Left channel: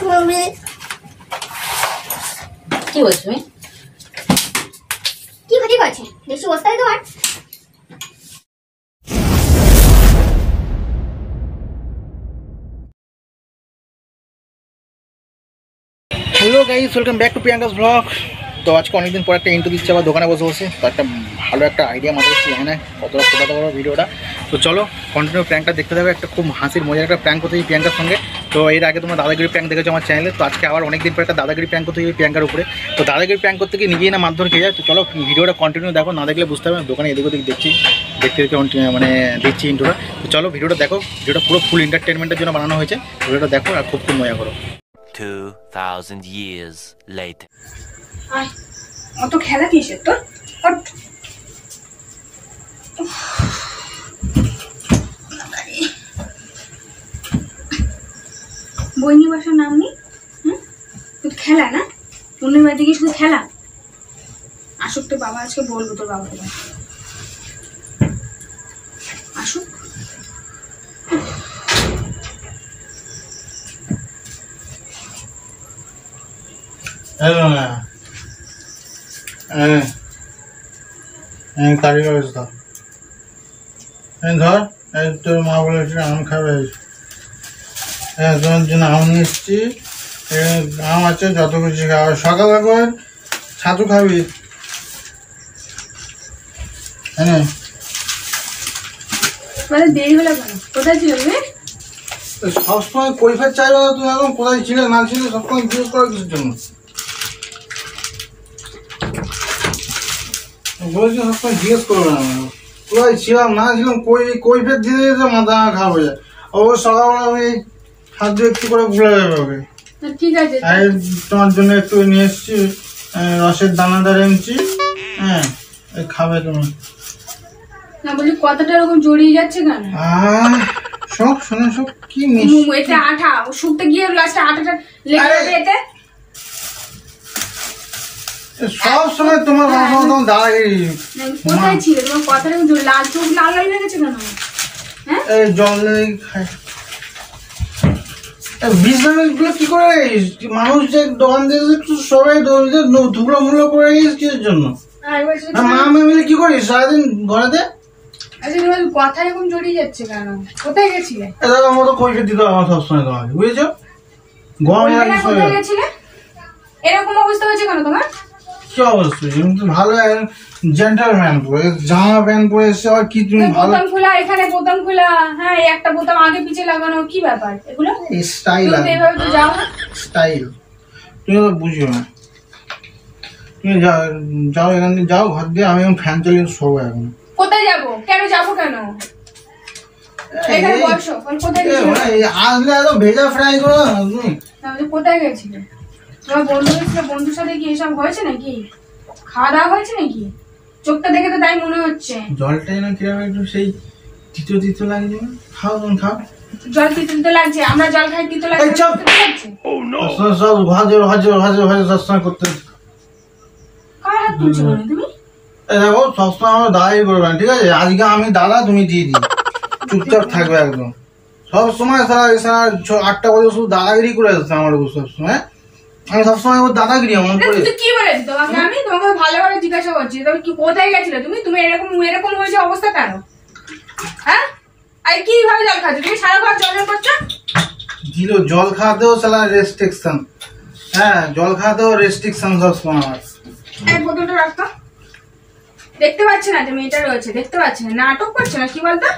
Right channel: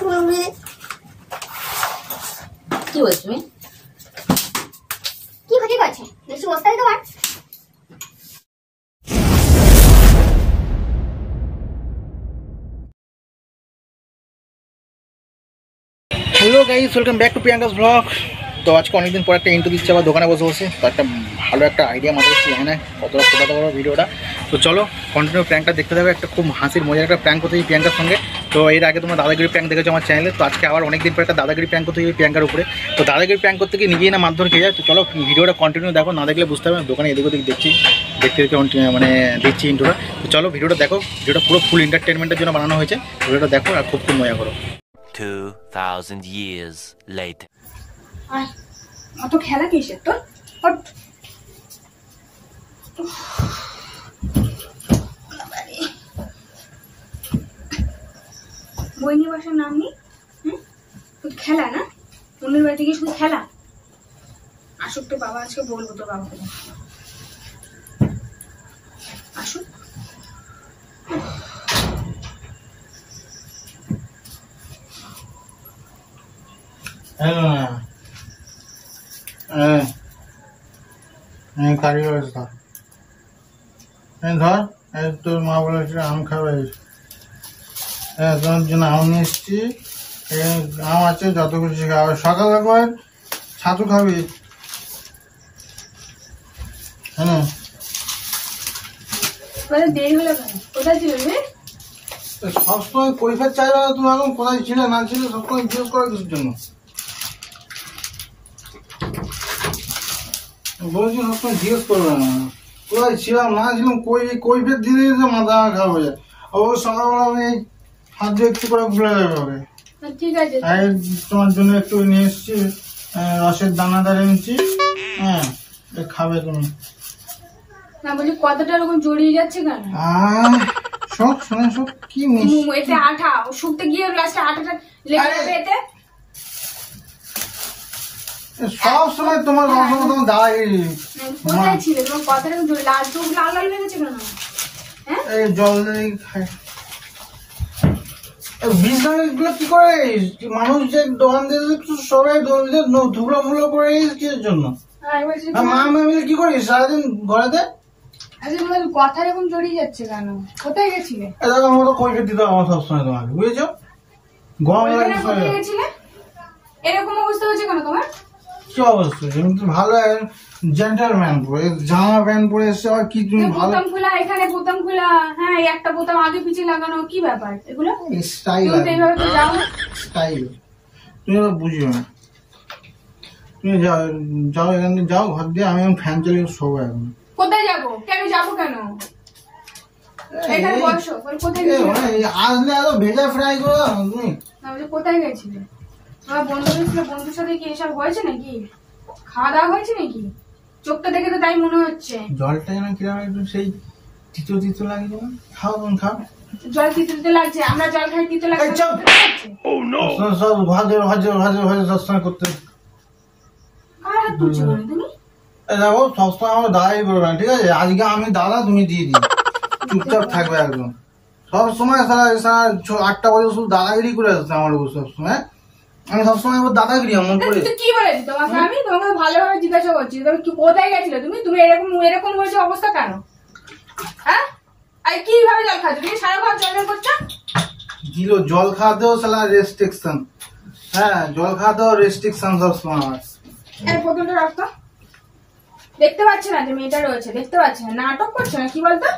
কি বলছো তুমি? কি ক্ষতি করছে বেশি বস্তায় তোমার? Hello guys, welcome back to Priyanka's blog. তো আজকে অনেকদিন পর একটা ইন্ট্রো দিচ্ছে আবার দোকানে বসে বসে। তো একটা ভালো একটা আইডিয়া মাথায় এসেছি, হ্যাঁ না কতটা ছোটো বড়ো ভিডিওটা। তো চলো কন্টিনিউ প্র্যাঙ্কটা দেখতে যাবে। একটা খুব হাসির মজার একটা প্র্যাঙ্ক করতে প্রিয়াঙ্কার সঙ্গে। তো এর আগে তোমরা দাদাগিরি প্র্যাঙ্ক দেখেছো আমার চ্যানেলে। তো আজকে আবার অনেকদিন পর একটা দাদাগিরি প্র্যাঙ্ক করতে গিয়ে প্রিয়াঙ্কার উপরে। তো দাদাগিরি প্র্যাঙ্ক করতে গিয়ে নিজেই না মারধর খেয়ে যায়। তো চলো ভিডিওটা কন্টিনিউ দেখো, না দেখলে বুঝতে হবে। দোকানে এদিক ওদিক দেখতে মানে দেখছি ইন্ট্রোটা। তো চলো ভিডিওটা দেখো, ভিডিওটা পুরো ফুল এন্টারটেনমেন্টের জন্য বানানো হয়েছে। ভিডিওটা দেখো আর খুব মজা করো। 2000 years later. অত খেলা কিসের তোর? বই নিয়ে বসার নাম নেই। শুধু খেলা না, অন্যের বাড়িতে গিয়ে শুধু খেলা। আসুক তোর বাবা, আজকে বলবো তোর বাবাকে। আসুক। কারি করেছে ধর তোর মা বলেছিল আম খাবে, তোমার জন্য আম নিয়ে এসছি। আম আছে যত কিছু খাবে, সকালে করে ছাতু খাবি। হ্যাঁ দেরি হলো কেন? কোথায় ছিল? সবসময় কৈফিয়ত চাই না। তুমি এখন কোথায় ছিলে না ছিলে সবসময় জিজ্ঞেস করার কিছুর জন্য বলছি। সবসময় জিজ্ঞেস করবে না কোথায় ছিলাম না ছিলাম। কৈফিয়ত দিনে মাথা খারাপ হয়ে যায়। অবশ্য সকালবেলা আমি হাত দিয়ে একটু করে ভুলে যাবে ওকে। ঠিক আছে, আর তোমার জন্য একটু নিয়ে এসছি, রসের দানাদার এনেছি। হ্যাঁ খাবে তুমি। না বলি কথাটা এরকম জড়িয়ে যাচ্ছে কেন? সব শোনা সব কি মিষ্টি। এটা আঠা শুকতে গিয়ে লাস্টে আঠাটা লেগে যাবে এতে। সব সময় তোমার তোমার দাঁড়াগিরি। কোথায় ছিল তোমার? কথাটা লাল চোখ লাল লাল হয়ে গেছে কেন? হ্যাঁ এই জল খায় বিজনেসগুলো কি করে? মানুষ যে দোকান দিয়েছে সবাই ধুলো মুলো করে কিসের জন্য? মা মিলে কি করিস সারাদিন ঘরেতে? আচ্ছা তোমার কথা এরকম জড়িয়ে যাচ্ছে কেন? কোথায় গেছিলে? এরকম মতো কৈফিয়ত দিতে হবে আমার সবসময় তোমাকে, বুঝেছো? কোথায় গেছিলে? এরকম অবস্থা হয়েছে কেন তোমার? কি অবস্থা? ভালো জেন্টলম্যান পরে জামা প্যান্ট পরে এসে আবার কি তুমি ভালো বোতাম খোলা, এখানে বোতাম খোলা, হ্যাঁ একটা বোতাম আগে পিছে লাগানো, কি ব্যাপার এগুলো? স্টাইল এইভাবে তো যাও। স্টাইল তুমি তো বুঝিও না। তুমি যাও এখান থেকে যাও ঘর দিয়ে। আমি এখন ফ্যান চালিয়ে শোবো এখন। কোথায় যাবো? কেন যাবো কেন? এখানে বসো। কোথায় গেছিলে? আসলে এত ভেজা ফ্রাই করো না তুমি। কোথায় গেছিলে? তোমার বন্ধুর সাথে কি এসব হয়েছে নাকি? খাওয়া দাওয়া হয়েছে নাকি? চোখটা দেখে তো তাই মনে হচ্ছে। জলটা যেন কিরকম একটু সেই তিতো তিতো লাগে যেন। খাও তুমি খাও। জল তিতো তিতো লাগছে? আমরা জল খাই তিতো লাগছে? সব ভাজো ভাজো ভাজো ভাজো সবসময় করতে। কার হাত তুলছো মানে তুমি? দেখো সবসময় আমার দাদাই করবে না, ঠিক আছে? আজকে আমি দাদা, তুমি দিদি। চুপচাপ থাকবে একদম। সবসময় সারা 8টা বাজে শুধু দাদাগিরি করে আসছে আমার উপর সবসময়। আমি সবসময় ওর দাদাগিরি এমন করে। কি বলেছি তোমাকে? আমি তোমাকে ভালোভাবে জিজ্ঞাসা করছি তুমি কি কোথায় গেছিলে? তুমি এরকম হয়েছে অবস্থা কেন? হ্যাঁ আর কি ভাবে জল খাচ্ছ তুমি? সারা ঘর জল করছো। দিল জল খাওয়াতেও সালা রেস্ট্রিকশন। হ্যাঁ জল খাওয়াতেও রেস্ট্রিকশন সবসময় আমার। এই বোতলটা রাখতো। দেখতে পাচ্ছি না যে মেয়েটা রয়েছে, দেখতে পাচ্ছি না, নাটক করছে না কি বলতো?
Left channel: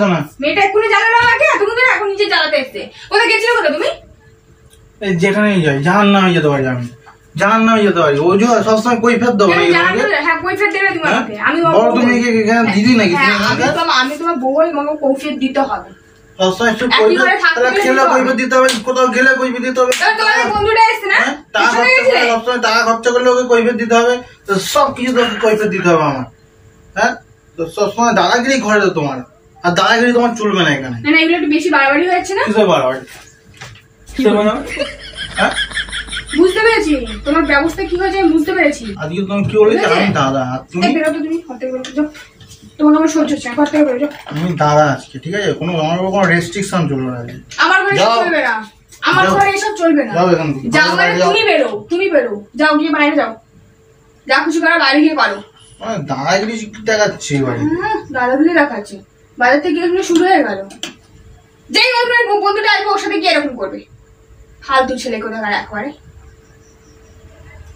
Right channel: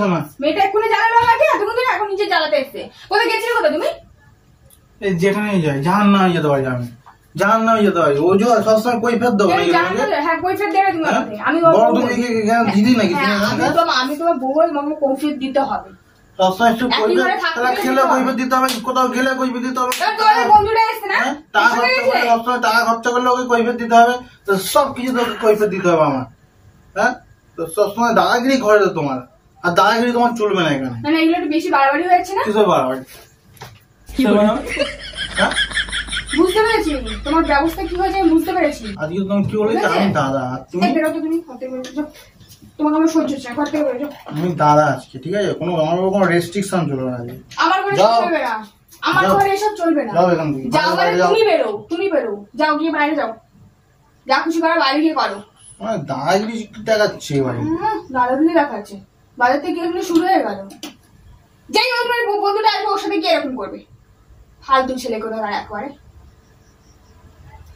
শোনা মেয়েটা এক্ষুনি জ্বালানো লাগে, এতক্ষণ ধরে এখন নিজে জ্বালাতে এসছে। কোথায় গেছিলে? কোথায় তুমি? এই যেখানেই যাই জাহান্নামে যেতে পারি আমি, জাহান্নামে যেতে পারি। ওই যে সবসময় কৈফিয়ত দেবো না। হ্যাঁ কৈফিয়ত দেবে তুমি আমাকে। আমি দিদি নাকি? আমি তোমার বউ, আমাকে কৈফিয়ত দিতে হবে। সবসময় একটু কৈফিয়ত দিতে হবে, কোথাও গেলে কৈফিয়ত দিতে হবে। তোমাদের বন্ধুটা এসছে না? সবসময় টাকা খরচা করলে ওকে কৈফিয়ত দিতে হবে। তো সব কিছু তোকে কৈফিয়ত দিতে হবে আমার। হ্যাঁ তো সবসময় দাদাগিরি ঘরে তো তোমার, আর দাদাগিরি তোমার চলবে না এখানে। না এগুলো একটু বেশি বাড়াবাড়ি হচ্ছে না? কিসব বাড়াবাড়ি? বুঝতে পেরেছি তোমার ব্যবস্থা কি হয়েছে, বুঝতে পেরেছি। আজকে তুমি কি বলেছো? আমি দাদা, তুমি বেরোতো তুমি ঘর থেকে বেরোতো। তোমাকে আমার সহ্য হচ্ছে, ঘর থেকে বেরোছো। আমি দাদা আজকে, ঠিক আছে? আমার কোনো রেস্ট্রিকশন চলবে না। আমার কোনো চলবে না। আমার ঘরে এসব চলবে না। যাও এখান থেকে। যাও মানে তুমি বেরো যাও, গিয়ে বাইরে যাও, যা খুশি করো বাইরে গিয়ে করো। দাদাগিরি দেখাচ্ছে বাড়ি, দাদাগিরি দেখাচ্ছে, বাইরে থেকে এগুলো শুরু হয়ে গেল। যেই বন্ধুটা আসবে ওর সাথে গিয়ে এরকম করবে, ফালতু ছেলে কোথাকার একবারে।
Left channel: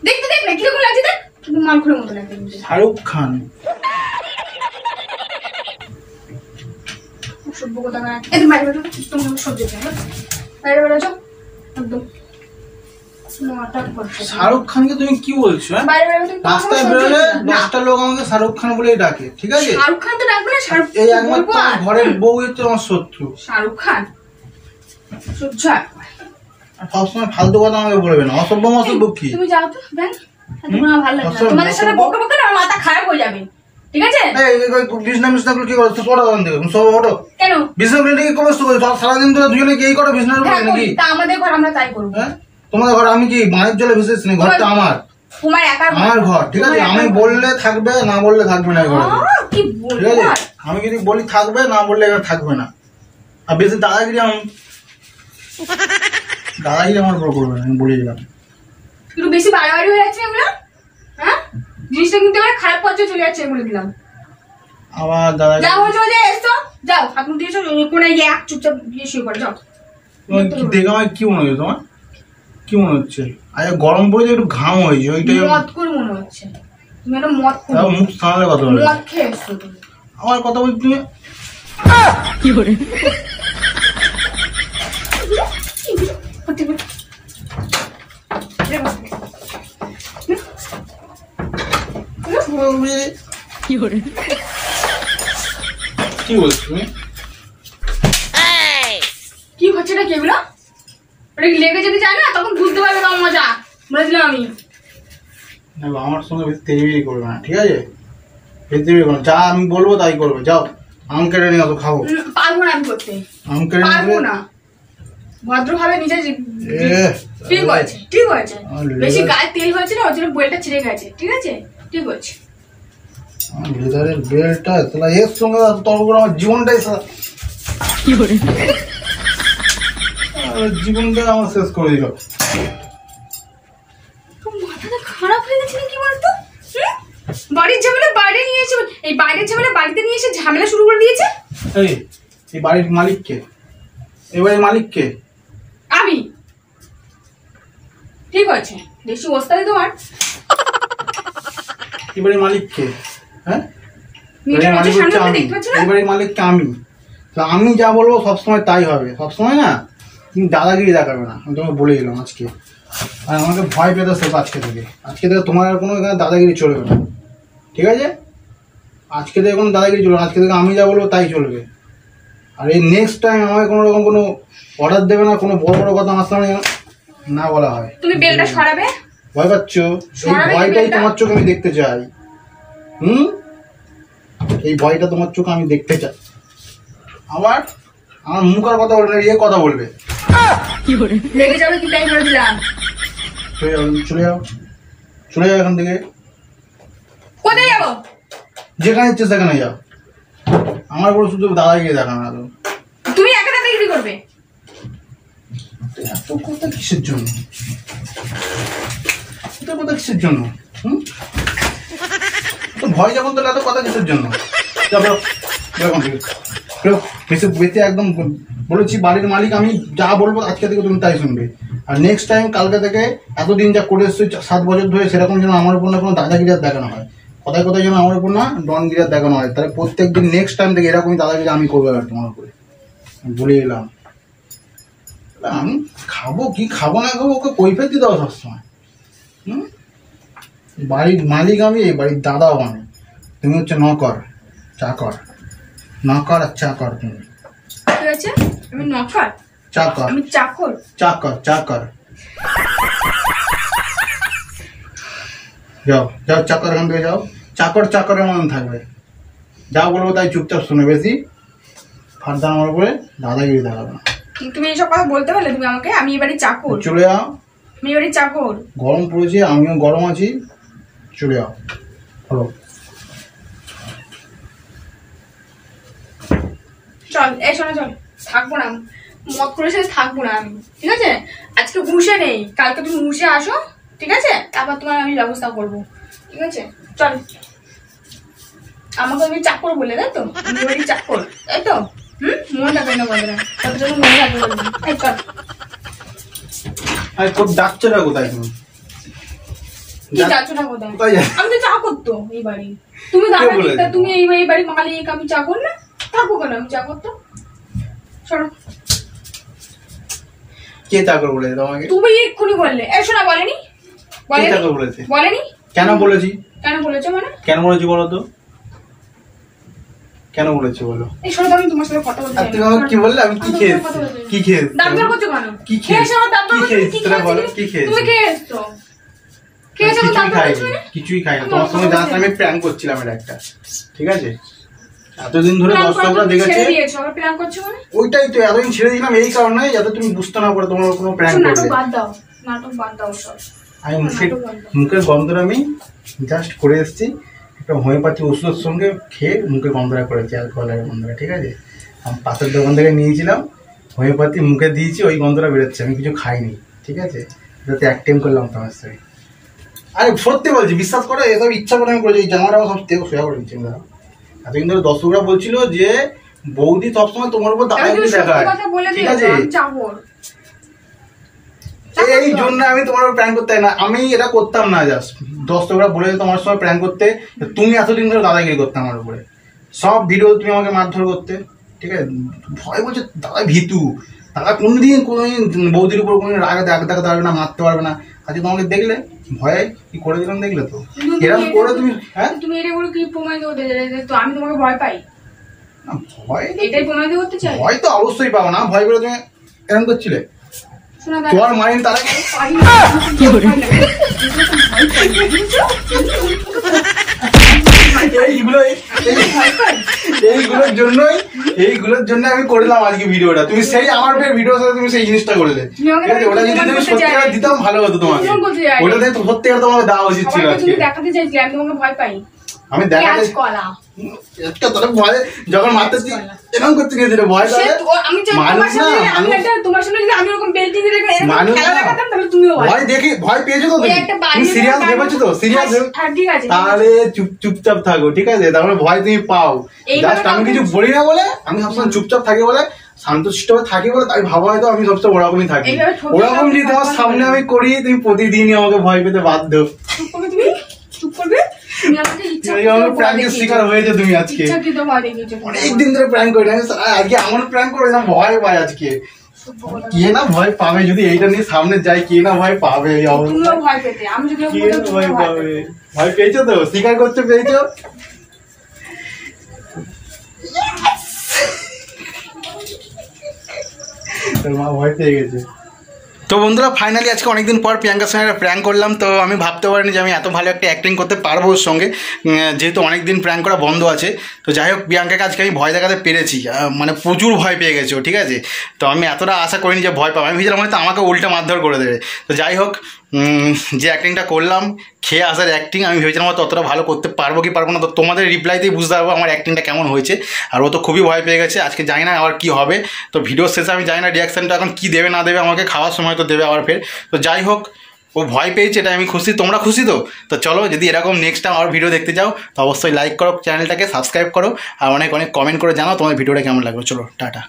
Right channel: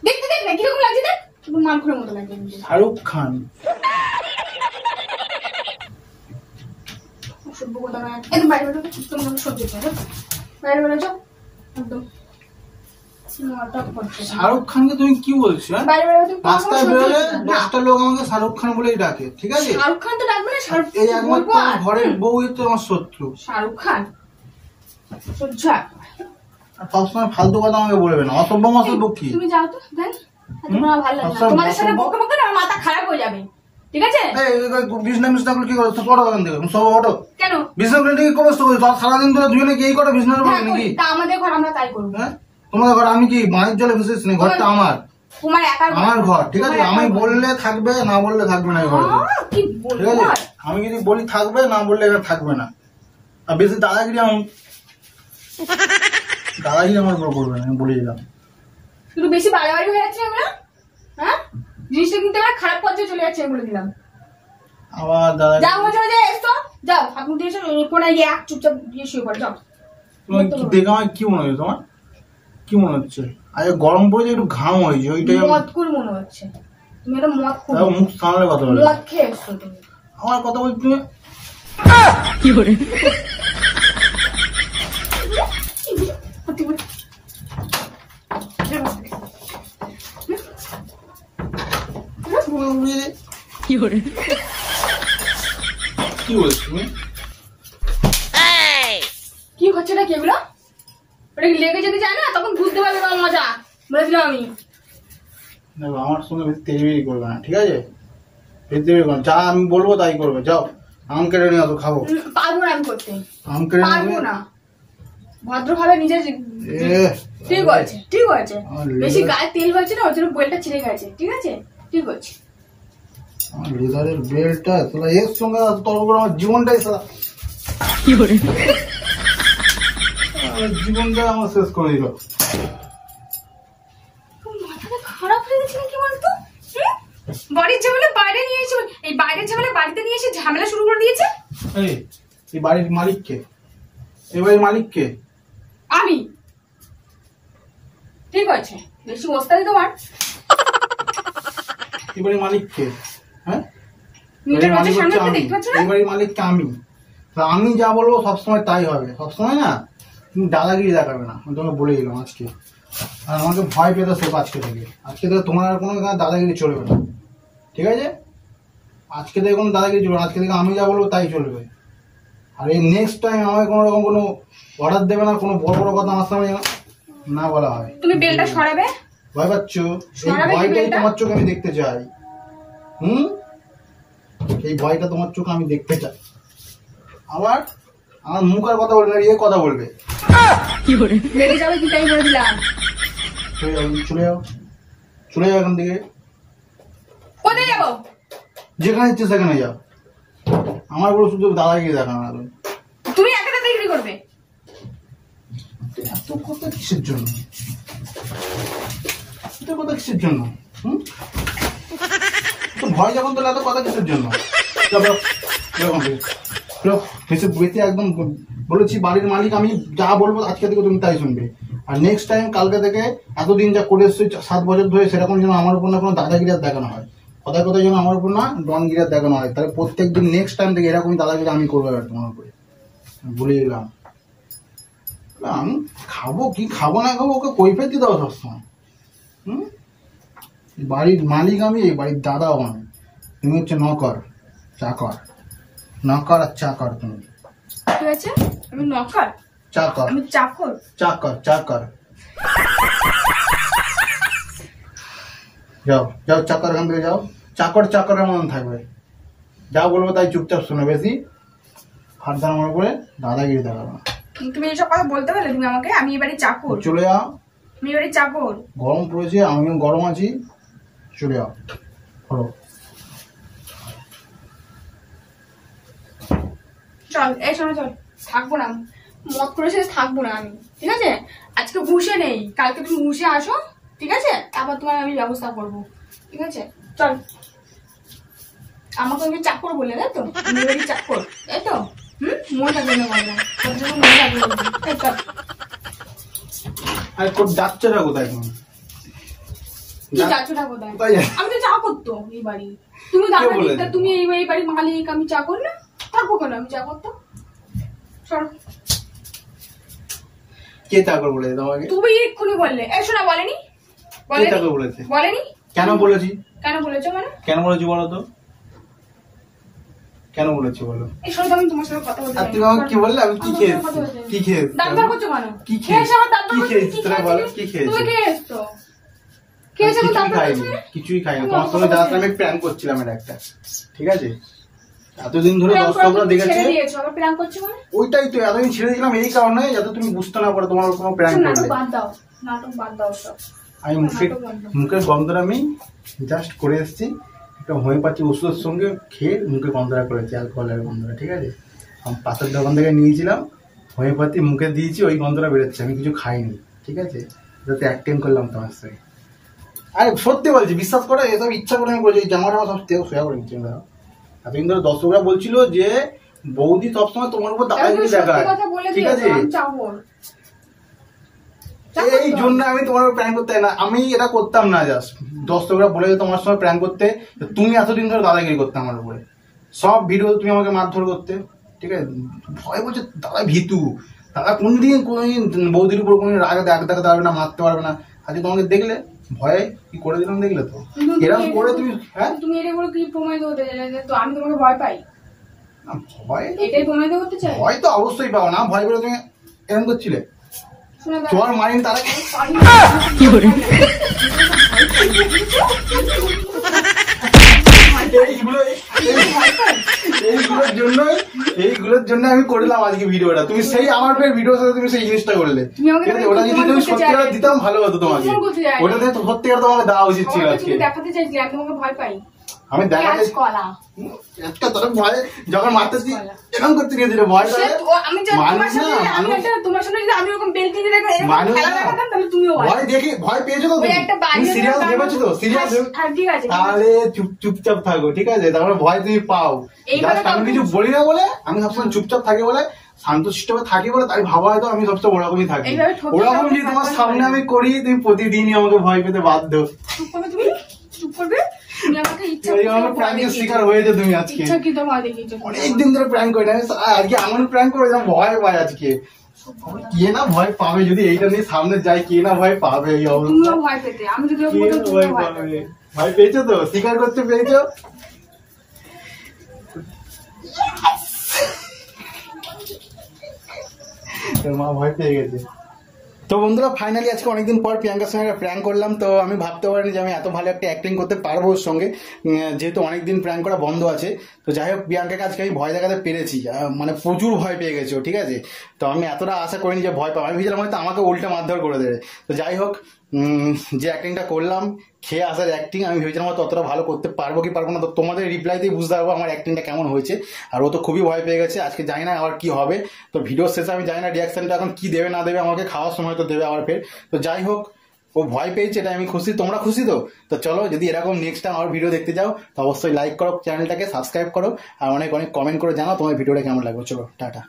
দেখতে দেখ না কিরকম লাগছে, দেখ কিন্তু মালখুরের মতো লাগছে। শাহরুখ খান সভ্য কোথাকার। একদম বাইরে বেরো, তুমি সহ্য করো, বাইরে বেরো যাও একদম। শাহরুখ খানকে তুমি কি বলছো? রাস্তায় বেরোলে 10টা লোক আমাকে শাহরুখ খান বলেই ডাকে, ঠিক আছে? শাহরুখ খান তো ডাকবে না, শাহরুখ এই একমাত্র ঘরের বউ হচ্ছে আমার শত্রু। শাহরুখ খান সহ্য একবার। সবসময় ফালতু কথা আমাকে বলবে না, অসভ্য মসভ্য কি? তুমি যাও তো দেন, তোমার ভালো লাগে না, তোমাদের সাথে বকে বকে না মাথা খারাপ হয়ে যাবে, ঠিক আছে? বিজনেস মিশনাগুলো কি করো? পড়ো ওখান থেকে, ওঠো। কেন বিজনেস মিশন কি করো? সারাদিন ধরে দুজনে কি করো? বিজনেস হ্যাঁ, নাকি? তা আমাদের ঘর আমরা তাই করবো। হ্যাঁ, তোমাদের ঘর আমি কি মায়ের জলে বিশেষ নেই, ঘরটা আমার, তোমার একার আমার ঘর, ঠিক আছে? আমি বললে থাকবে, না বললে থাকবে না ঘরে, কি ঠিক বলবো? আছে? আমি যদি বলি থাকবে, না বললে এখানে থাকবে না। আর বেশি দাদাগিরি আমার উপর করবে না, আমি বলে দিলাম। একটু বেশি বাড়াবাড়ি হয়ে যাচ্ছে এগুলো, হ্যাঁ? জিনিসটা কিন্তু আমার খারাপ পর্যায়ে চলে যাচ্ছে, বলে দিলাম। আবার দাদা যাও যে এসো, যাও হাত মুখ দিয়েছো, কোনায় গিয়ে এক চুপচাপ গিয়ে শুয়ে পড়ে যাও। তোমার কি দেখে আমার কি মনে হচ্ছে? তোমার কি মনে হচ্ছে? আরে গরম পড়েছে, একটু ঘাম হয়েছে, ওইটাই মদ করে মনে হচ্ছে তুমি একটা মদ করে মুখ সামলে কথা বলে। মদ খেয়ে এসছো তুমি। আমার কথা বলছি তুমি কি করে কি করে কি বলছো তুমি? কি হচ্ছে না কেগুলো, ওটা কি লেগে যেতে চায় না, তখন বুঝতে পারবে না মজা, বুঝলাম আমি। দেখো আমার সঙ্গে বেশি তেড়িবেড়ি করবে না, ঠিক আছে? বেশি তেড়িবেড়ি করবে না, যা আমি বলবো তাই করবে। যাও আম কেটে নিয়ে আসো, খাবো। পারবো না আমি করতে, আম কেটে পারবো নিয়ে না। ভদ্রভাবে নিজে ঠিক আছে, ঠিক আছে। বেশি গায়ে তেল হয়েছে না, ওর জন্য বইলটা ছিঁড়ে গেছে, ঠিক আছে? ঠিক আছে। আমার লেদারের বেল্টটা তাহলে এর সঙ্গে তর্ক করে আমার জীবনটাই কি করে জীবনটা আমার শেষ করে দিল। মাথাটা খারাপ হয়ে গেছে নাকি বলতো? বাড়ির ঝামেলা বাইরে নিয়ে এসে, এই বাইরের ঝামেলা বাড়িতে নিয়ে এসে ঝামেলা শুরু করে দিয়েছে। এই বাড়ির মালিক কে? এই বাড়ির মালিক কে? আমি। ঠিক আছে, বেশি ওস্তাদি তোমার। এই বাড়ির মালিক কে? হ্যাঁ, মিটার আছে সামনে, আপনি দেখতে পাচ্ছেন না? এই বাড়ির মালিক কে? আমি। আমি যা বলবো সবসময় তাই হবে, সবসময় না। তুমি দাদাগিরি দেখাবে না, আমি তোমাকে বলে দিলাম আজকে। আর আমাকে ভয় পেতে শেখ আজকে থেকে। আজকে থেকে তোমার আর কোনো এখানে দাদাগিরি চলবে না, ঠিক আছে? আজকে থেকে কোনো দাদাগিরি চলবে না, আজকে থেকে আমি যা বলবো তাই চলবে। আর এই নেক্সট টাইম আমাকে কোনো রকম কোনো অর্ডার দেবে না, কোনো বড় বড় কথা আমার সামনে না বলা হয়। তুমি বেলটা সরাবে? ভয় পাচ্ছ? এই ভয়টাই তোমার চোখে আমি দেখতে চাই। এই ভয়টা তোমার চোখে আমি দেখতে চাই। আবার আমার মুখ আর কথা বলবে না, এ কথা বলবে। কি করে লেগে যাবে কি তাই বলে দিলাম। চলে যাও, চলে যাও এখান থেকে। কোথায় যাবো? যেখানে ইচ্ছে সেখানে যাও। আমার বড় শুধু দাদাগিরি দেখা না। তুমি একা দাদাগিরি করবে? এত কথা কিসের জন্য? এত কথা কিসের জন্য? ভয় যখন তাহলে এত কথা কিসের জন্য? বেঁচে একদম বলেছি, বাড়ির মালিক আমি, যা বলবো আজকে থেকে তুমি তাই শুনবে। আর নেক্সট টাইম কালকে থেকে এতদিন যা করে এসছো 7 বছর ধরে, সেরকম যেন আমার উপর না কোনো দাদাগিরি দেখানো হয়। কথায় কথায় যেন আমার উপর না ডনগিরি দেখানো হয়। তাহলে প্রত্যেকদিন নেক্সট টাইম থেকে এরকমই দাদাগিরি আমি করবো আর তোমার উপরে, বলে এলাম। আমি খাবো কি খাবো না খাবো ওকে কৈফিয়ত দিতে হবে সবসময়। বাড়ির মালিক আমি, এই বাড়ির দাদাও আমি। তুমি হচ্ছে নকর, চাকর। নকর আর চাকর তুমি। ঠিক আছে, আমি নকর, চাকর। আমি চাকর। চাকর চাকর। যাও যাও, চাকর এখান থেকে যাও। চাকর চাকরের মতন থাকবে, যা বলবো তাই চুপচাপ শুনে। বেশি ফার্দার আমার উপরে দাদাগিরি দেখাবে না। তুমি এইসব কথা বলতে পারলে তুমি আমাকে? আমি এবারে চাকর। চলে যাও, আমি এবারে চাকর। গরম পড়েছে, আমিও গরম আছি, চলে যাও। হলো, চল এই শোনো, চল। থাকবো না, মত করে সাথে থাকবো না আমি, ঠিক আছে? আজকে ঘুষে নেই, কালকে তুমি ঘুষে আসো, ঠিক আছে? তারপর তোমার আমি ব্যবস্থা করবো, ঠিক আছে? চল, আমাকে তুমি চাকর বলে, তাই তো? আমি বাড়ি চাকর, তাই তো? মন থাকবে না বলে, মনে থাকবে না। চল। আরে খুব ডাকছেটা কোথায় তুমি? কি যাচ্ছ না কোথায়? কোথায় যাচ্ছ? আমি তো চাকর তো এই বাড়ি। তুমি তুমি এই বাড়ি মালিক, আমি চাকর না? থাকবো কেন আমি চাকর তো? সরো। কে চাকর বলেছে তোমাকে? তুমি এক্ষুনি বললে। শোনা বলেনি? কে চাকর বলেছে? বলেনি? কেন বলেছি? কেন বলেছো মানে? কেন বলেছি বলো তো? কেন বলেছো বলো? এই শোনো, আমি তোমার সাথে কথা বলতে আর তুমি আমাকে কি বললে? আমি কি খেয়েছি? কি খেয়েছি? দাঁত বার করছো কেন? কি খেয়েছি? কি খেয়েছি? কি তোরা বলো, কি খেয়েছি? তুমি খেয়েছো? খেয়েছো তো দাঁত বার করছো না? কিছুই খাইনি। তোমার সঙ্গে জাস্ট আমি প্ল্যান করছিলাম এটা একটা, ঠিক আছে? এতদিন ধরে দর্শকরা দেখেছে, সবাই প্ল্যান করছো মানে? ওইটাই তো এতদিন ছেড়ে দিলাম এই কারণে যাতে তুমি বুঝতে না পারো তোমার কোনো প্ল্যান নাটক করবে। বাদ দাও, নাটক বাদ দাও সব। আমি মুখের গন্ধটা আমি জাস্ট করে এসেছি একটা হোমিওপ্যাথি ওষুধের সঙ্গে খেয়ে মুখের গন্ধটা করেছি, অ্যালকোহলের গন্ধটা, ঠিক আছে? আমি পাশের দোকান থেকে নিয়েছিলাম, হোমিওপ্যাথি মুখে দিয়েছি, ওই গন্ধটা বেরোচ্ছে। আমি কিছু খাইনি, ঠিক আছে? যাতে অ্যাক্টিং করলাম তোমার সাথে। আরে সত্যি বলছি, বিশ্বাস করো, এসব ইচ্ছা করে আমি করেছি। এই জামাটা আমার সব থেকে সোয়া করে নিচ্ছি আমরা। এতদিন ধরে দর্শকরা বলছিল যে বৌদি সবসময় তোমার উপর দাদাগিরি দেখায়, ঠিক আছে? এই জন্য আমি তোমার উপর প্র্যাঙ্ক করতে না, আমি এটা করতাম না। জাস্ট দর্শকরা বলে তোমার সময় প্র্যাঙ্ক করতে, তুমি এতদিন ধরে দাদাগিরি করতে আমার উপরে, সব ভিডিও তুমি আমাকে মারধর করতে, ঠিক আছে? ভয় বলছে দাদা ভীতু, দাদা কোনদিন বৌদির উপর কোনো রাগ দেখাতে পারবে না, মারতে পারবে না। আজকে তোমাকে দেখলে ভয়ে কি করে দিলাম, দেখলে তো? এরকম করে তুমি, হ্যাঁ তুমি এটা বলে কি প্রমাণ করতে চাই তো আমি তোমাকে ভয় পাই? না ভয়, এটাই প্রমাণ করতে চাই? ভয় তো অবশ্যই পাও না, ভয় করে তুমি এরকম করছিলে। শোনা তোমার মাইন্ড তারা কি করে এইগুলোর জন্য আমি করলাম আজকে ভিডিওটা। তুমি সেই আমার ভিডিওর সাথে তুমি সেই জিনিসটা করলে, ঠিক আছে? ওটা যদি তুমি সত্যিকার দিতাম ভালো হতো তোমাকে, ওটাতে সত্যিকার তোমাকে দেওয়া উচিত ছিল আজকে। দেখাতে চাইছি আমি তোমাকে ভয় পাই। আমি দেখাতে ভয় যখন মারতেছি এরকম করতে গিয়েছিল ভয়, মানুষ না তোমার সামনে যদি আমি ওরকম বেল্টি দিয়ে মানুষ ভয় দেখি ভয় পেয়েছো তো? তুমি সিরিয়াস ভেবেছো তো? সিরিয়াস তাহলে চুপচাপ থাকো, ঠিক আছে? তারপরে ভয় তুমি পাও। জাস্ট আমি কিছু বলি না বলে, আমি সবসময় চুপচাপ থাকি বলে, শান্তশিষ্ট থাকি বলে, তাই ভাবা হয়তো আমি সবসময় ওরকমই থাকি। ওরকম যদি তোমার সামনে আমি করি, তুমি প্রতিদিনই আমাকে ভয় পেতে বাধ্য। চুপ করবে? শিকার হয়েছে তুমি আজকে। অনেকদিন ধরে প্র্যাঙ্ক করি না, আজকে এমন প্র্যাঙ্ক করে না ভয় পায় আজকে। কে না ভয় পাবে যদি এইটা নিয়ে সামনে যাই? কে না ভয় পাবে? এই অবস্থা ভয় পাবে। ভয় পেয়েছো তো? স্বীকার করতে পেরেছো? মা ভয় পেয়ে গেছে। তো বন্ধুরা ফাইনালি আজকে অনেকদিন পর প্রিয়াঙ্কার সঙ্গে প্র্যাঙ্ক করলাম। তো আমি ভাবতে পারিনি যে আমি এত ভালো একটা অ্যাক্টিং করতে পারবো ওর সঙ্গে, যেহেতু অনেকদিন প্র্যাঙ্ক করা বন্ধ আছে। তো যাই হোক, প্রিয়াঙ্কাকে আজকে আমি ভয় দেখাতে পেরেছি, মানে প্রচুর ভয় পেয়ে গেছে, ঠিক আছে? তো আমি এতটা আশা করিনি যে ভয় পাবো। আমি ভেবেছিলাম হয়তো আমাকে উল্টা মারধর করে দেবে। তো যাই হোক, যে অ্যাক্টিংটা করলাম, খেয়ে আসার অ্যাক্টিং, আমি ভেবেছিলাম হয়তো অতটা ভালো করতে পারবো কি পারবো না। তো তোমাদের রিপ্লাইতেই বুঝতে পারবো আমার অ্যাক্টিংটা কেমন হয়েছে। আর ও তো খুবই ভয় পেয়ে গেছে। আজকে জানি না আবার কী হবে। তো ভিডিওর শেষে আমি জানি না রিয়াকশানটা এখন কী দেবে না দেবে, আমাকে খাওয়ার সময় তো দেবে আবার ফের। তো যাই হোক, ও ভয় পেয়েছে, এটা আমি খুশি। তোমরা খুশি তো? তো চলো, যদি এরকম নেক্সট টাইম আবার ভিডিও দেখতে যাও তো অবশ্যই লাইক করো, চ্যানেলটাকে সাবস্ক্রাইব করো, আর অনেক অনেক কমেন্ট করে জানাও তোমার ভিডিওটা কেমন লাগলো। চলো টাটা।